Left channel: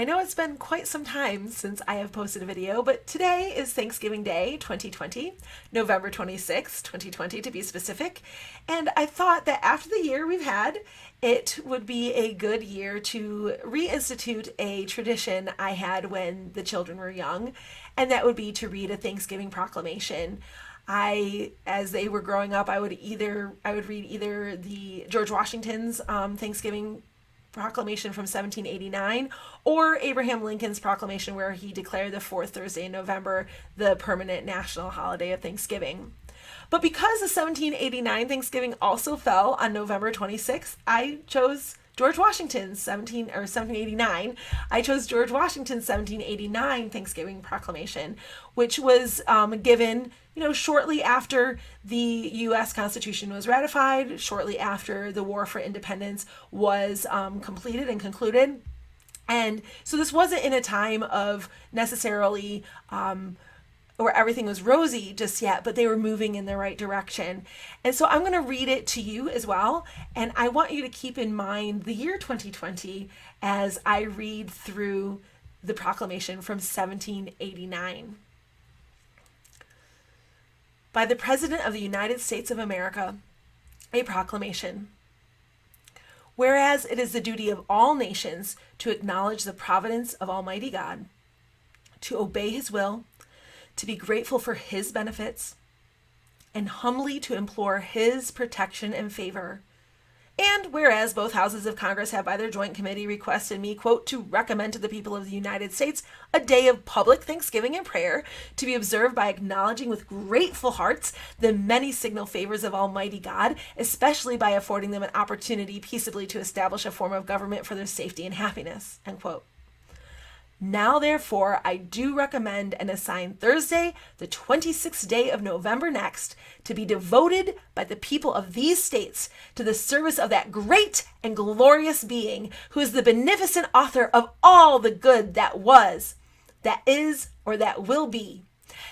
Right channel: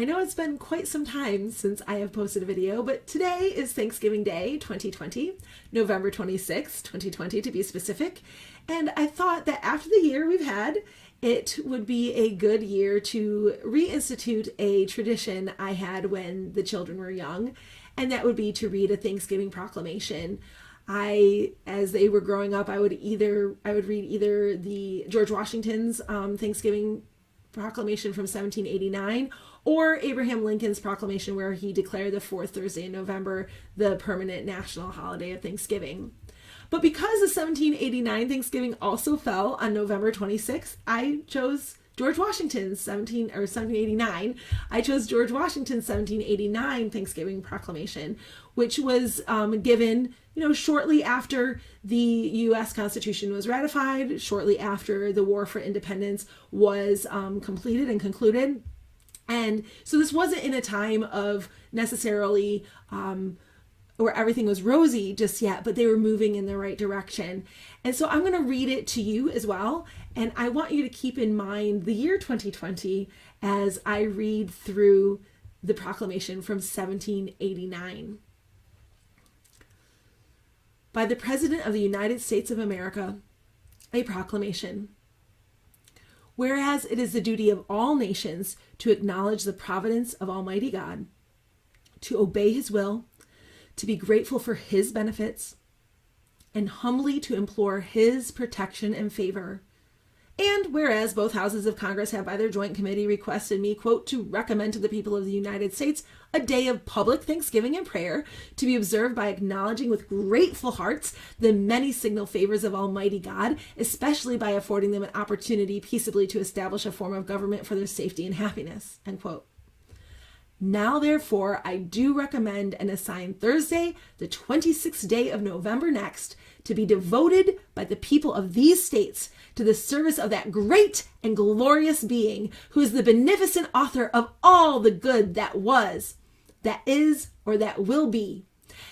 I know it's been quite some time since I have posted a video, but today is Thanksgiving Day 2020, November 26th, 2020 to be specific. And I thought that after the year we've had, it would be a good year to reinstitute a tradition I had when the children were young, and that would be to read a Thanksgiving proclamation. As they were growing up, I would read either the George Washington's Thanksgiving Proclamation from 1789 or Abraham Lincoln's proclamation where he declared the fourth Thursday in November the permanent national holiday of Thanksgiving. But because the 1789 Thanksgiving also fell on November 26th, I chose George Washington's 1789. I chose George Washington's 1789 Thanksgiving Proclamation, which was given, shortly after the U.S. Constitution was ratified, shortly after the War for Independence was completed and concluded. And so this wasn't in a time of necessarily where everything was rosy just yet, but they were moving in the right direction. And so I'm going to read it to you as well. And I want you to keep in mind the year 2020 as I read through the proclamation from 1789. By the President of the United States of America, a proclamation. Whereas it is the duty of all nations to acknowledge the providence of Almighty God, to obey His will, to be grateful for His benefits, and humbly to implore His protection and favor. And whereas both houses of Congress have by their joint committee requested me, quote, to recommend to the people of the United States a day of public thanksgiving and prayer to be observed by acknowledging with grateful hearts the many signal favors of Almighty God, especially by affording them an opportunity peaceably to establish a form of government for their safety and happiness, end quote. Now, therefore, I do recommend and assign Thursday, the 26th day of November next, to be devoted by the people of these states to the service of that great and glorious being who is the beneficent author of all the good that was, that is, or that will be,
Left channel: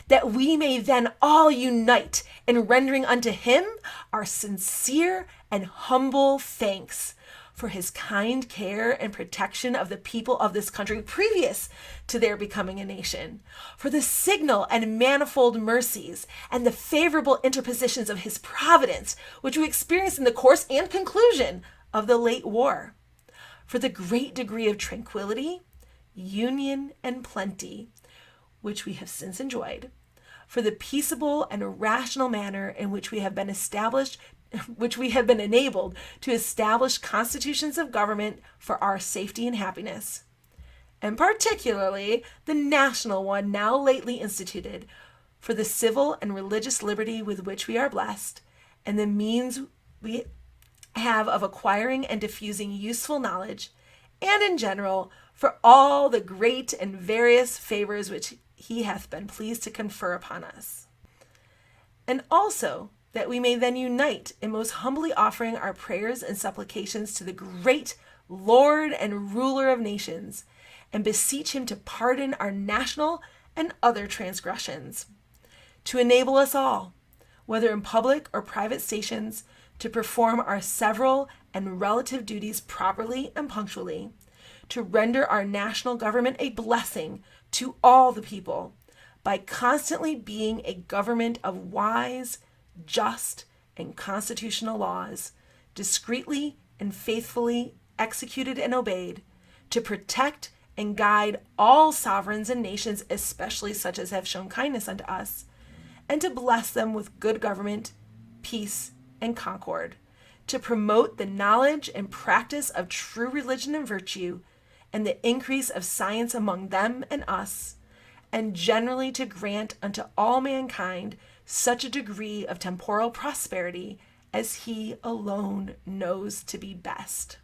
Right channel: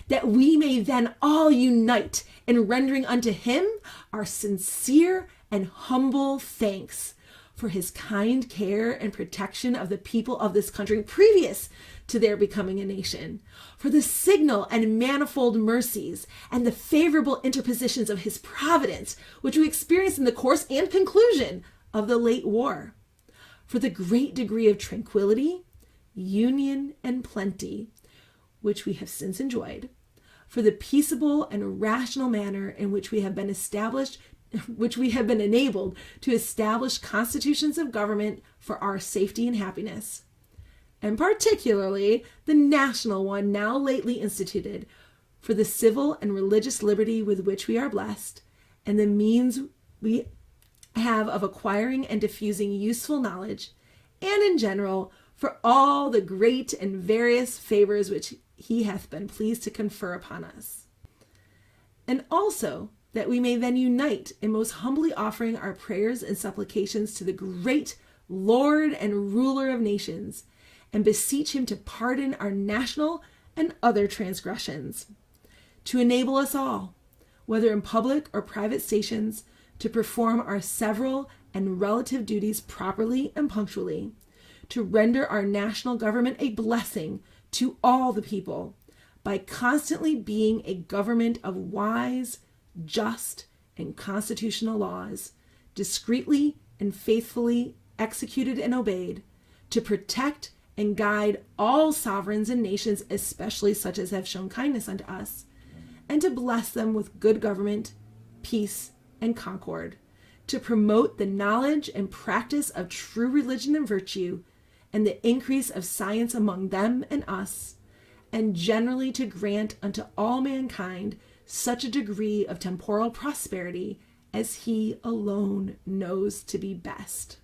that we may then all unite in rendering unto Him our sincere and humble thanks for His kind care and protection of the people of this country previous to their becoming a nation, for the signal and manifold mercies and the favorable interpositions of His providence, which we experienced in the course and conclusion of the late war, for the great degree of tranquility, union, and plenty, which we have since enjoyed, for the peaceable and rational manner in which we have been enabled to establish constitutions of government for our safety and happiness, and particularly the national one now lately instituted, for the civil and religious liberty with which we are blessed, and the means we have of acquiring and diffusing useful knowledge, and in general, for all the great and various favors which He hath been pleased to confer upon us. And also, that we may then unite in most humbly offering our prayers and supplications to the great Lord and ruler of nations, and beseech Him to pardon our national and other transgressions, to enable us all, whether in public or private stations, to perform our several and relative duties properly and punctually, to render our national government a blessing to all the people, by constantly being a government of wise, just, and constitutional laws, discreetly and faithfully executed and obeyed, to protect and guide all sovereigns and nations, especially such as have shown kindness unto us, and to bless them with good government, peace, and concord, to promote the knowledge and practice of true religion and virtue, and the increase of science among them and us, and generally to grant unto all mankind such a degree of temporal prosperity as He alone knows to be best.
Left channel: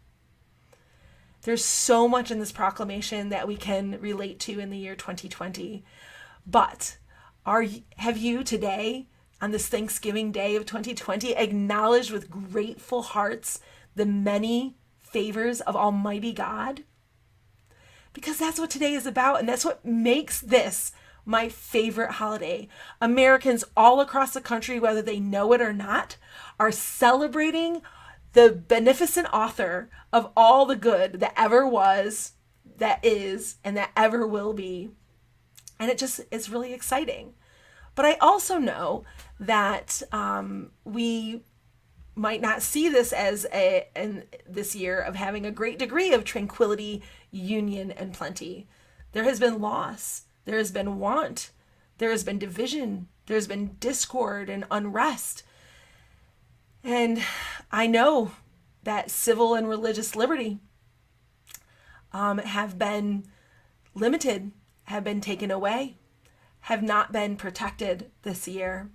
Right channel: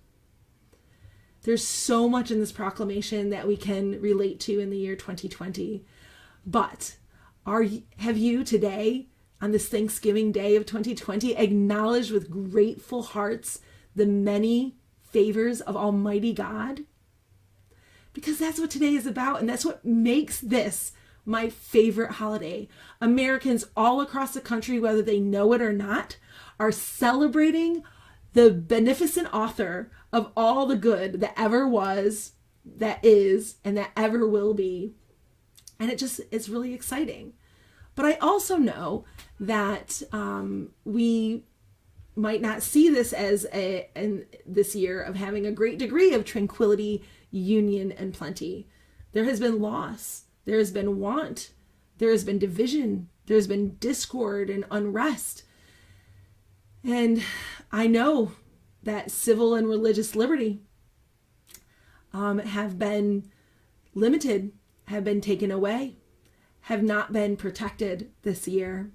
There's so much in this proclamation that we can relate to in the year 2020. But have you today, on this Thanksgiving Day of 2020, acknowledged with grateful hearts the many favors of Almighty God? Because that's what today is about, and that's what makes this my favorite holiday. Americans all across the country, whether they know it or not, are celebrating the beneficent author of all the good that ever was, that is and that ever will be. And it's really exciting. But I also know that we might not see this as this year of having a great degree of tranquility, union, and plenty. There has been loss. There has been want. There has been division. There's been discord and unrest. And I know that civil and religious liberty have been limited, have been taken away, have not been protected this year.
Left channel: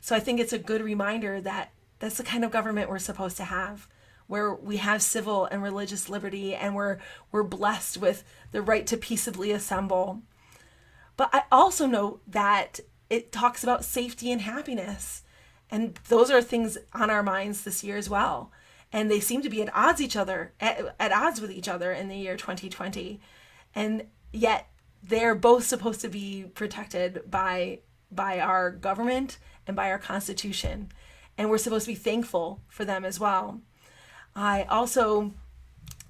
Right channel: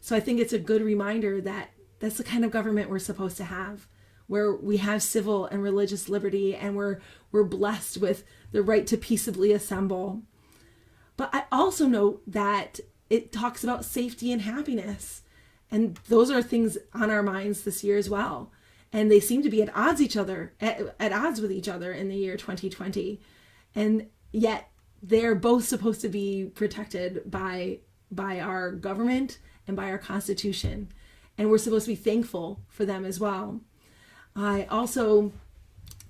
So I think it's a good reminder that that's the kind of government we're supposed to have, where we have civil and religious liberty and we're blessed with the right to peaceably assemble. But I also know that it talks about safety and happiness. And those are things on our minds this year as well. And they seem to be at odds with each other in the year 2020. And yet they're both supposed to be protected by our government and by our Constitution. And we're supposed to be thankful for them as well. I also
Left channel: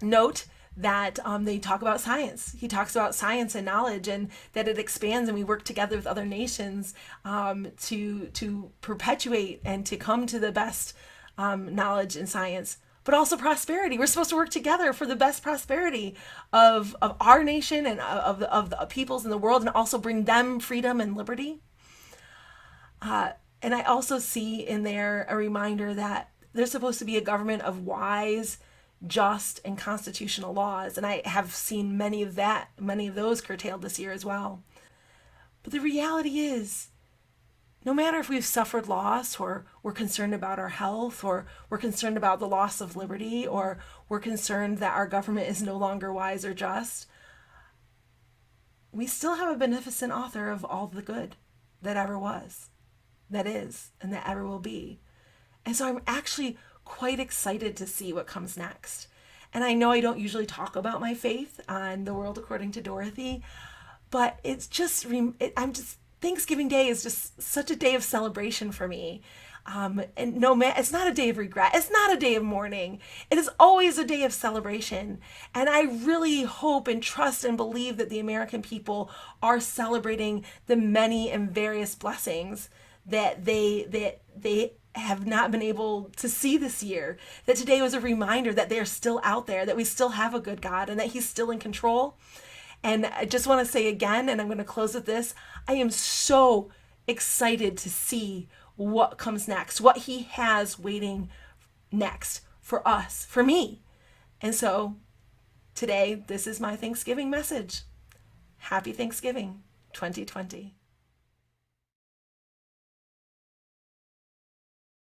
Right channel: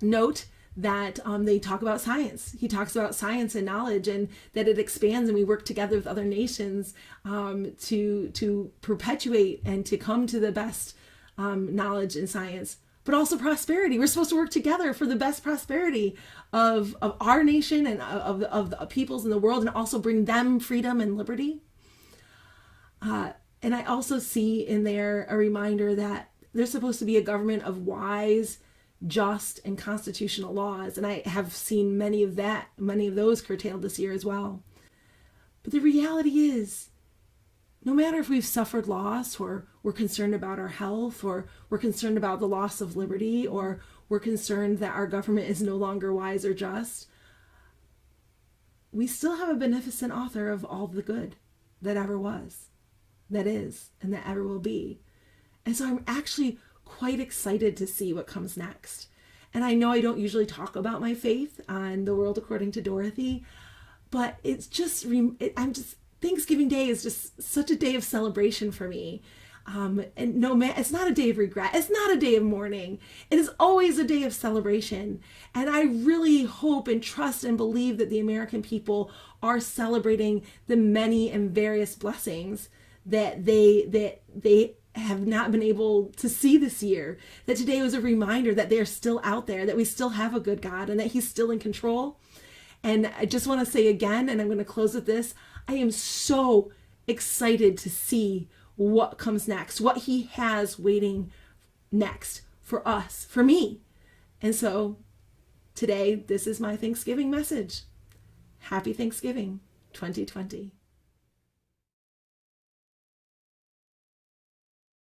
note that they talk about science. He talks about science and knowledge, and that it expands, and we work together with other nations to perpetuate and to come to the best knowledge in science. But also prosperity. We're supposed to work together for the best prosperity of our nation and of the peoples in the world, and also bring them freedom and liberty. And I also see in there a reminder that there's supposed to be a government of wise, just, and constitutional laws. And I have seen many of those curtailed this year as well. But the reality is, no matter if we've suffered loss, or we're concerned about our health, or we're concerned about the loss of liberty, or we're concerned that our government is no longer wise or just, we still have a beneficent author of all the good that ever was, that is, and that ever will be. And so I'm actually quite excited to see what comes next. And I know I don't usually talk about my faith on The World According to Dorothy, but it's just, Thanksgiving Day is just such a day of celebration for me. And it's not a day of regret. It's not a day of mourning. It is always a day of celebration. And I really hope and trust and believe that the American people are celebrating the many and various blessings that they have not been able to see this year. That today was a reminder that they're still out there, that we still have a good God, and that He's still in control. And I just want to say again, and I'm going to close with this, I am so excited to see what comes next, what He has waiting next for us, for me. And so today, this is my Thanksgiving message. Happy Thanksgiving 2020.